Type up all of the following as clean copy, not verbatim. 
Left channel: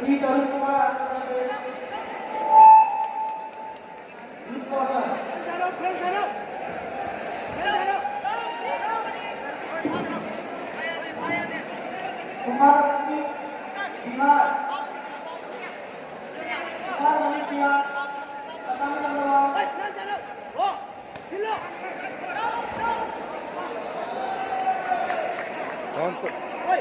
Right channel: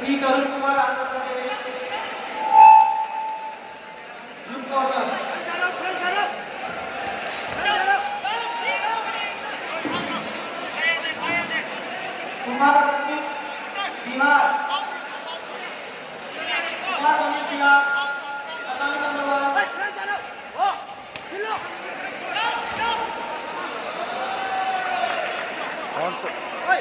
श्री तरुण Kumar Andhra Pradesh group corner Kumar Pandit Bihar पतंग number 1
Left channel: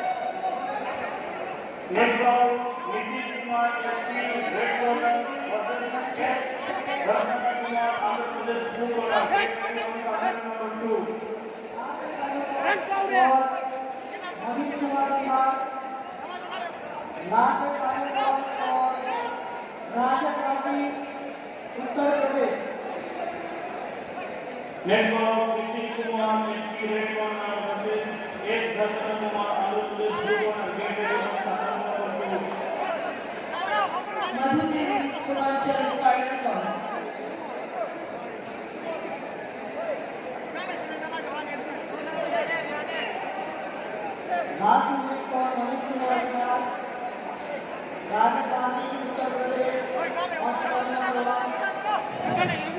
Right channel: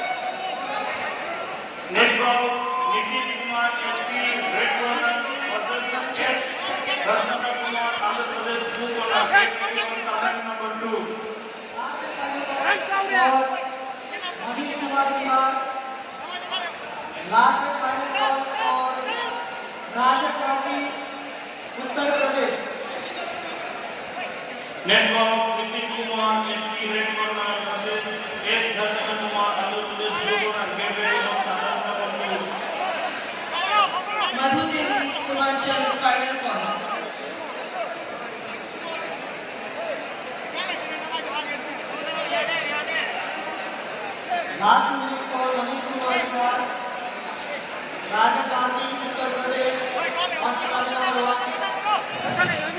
Next ball, Nitin Kumar SP, red corner versus Chess, Rashmana Kumar, Andhra Pradesh, blue corner. Next playing number 2. Manish Kumar Bihar last final ball और राजन गांधी उत्तर प्रदेश Next ball, Nitin Kumar SP, red corner versus S. Rashmana Kumar, Andhra Pradesh, blue corner. Get ready for number 2. Madhu Devi, Purvanchal, final call. Last minute for Manish Kumar Bihar Rajan Gandhi Uttar Pradesh और पतंग number 1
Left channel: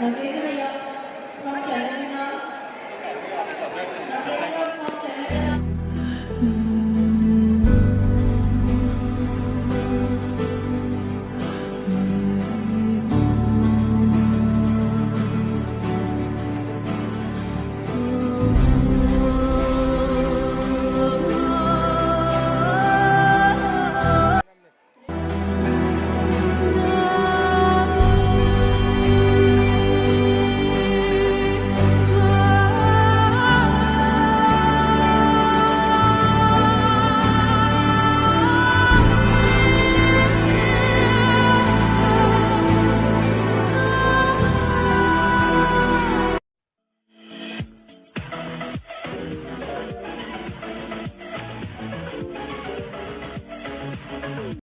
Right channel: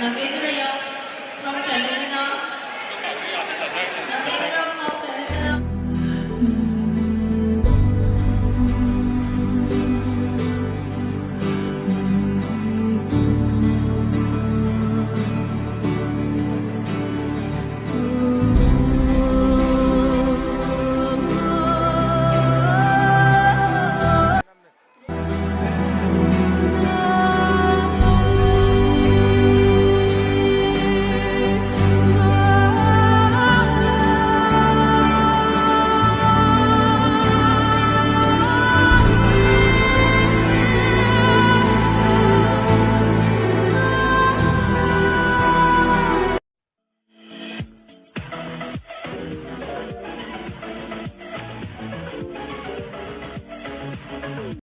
Nagendra Yam from Chennai.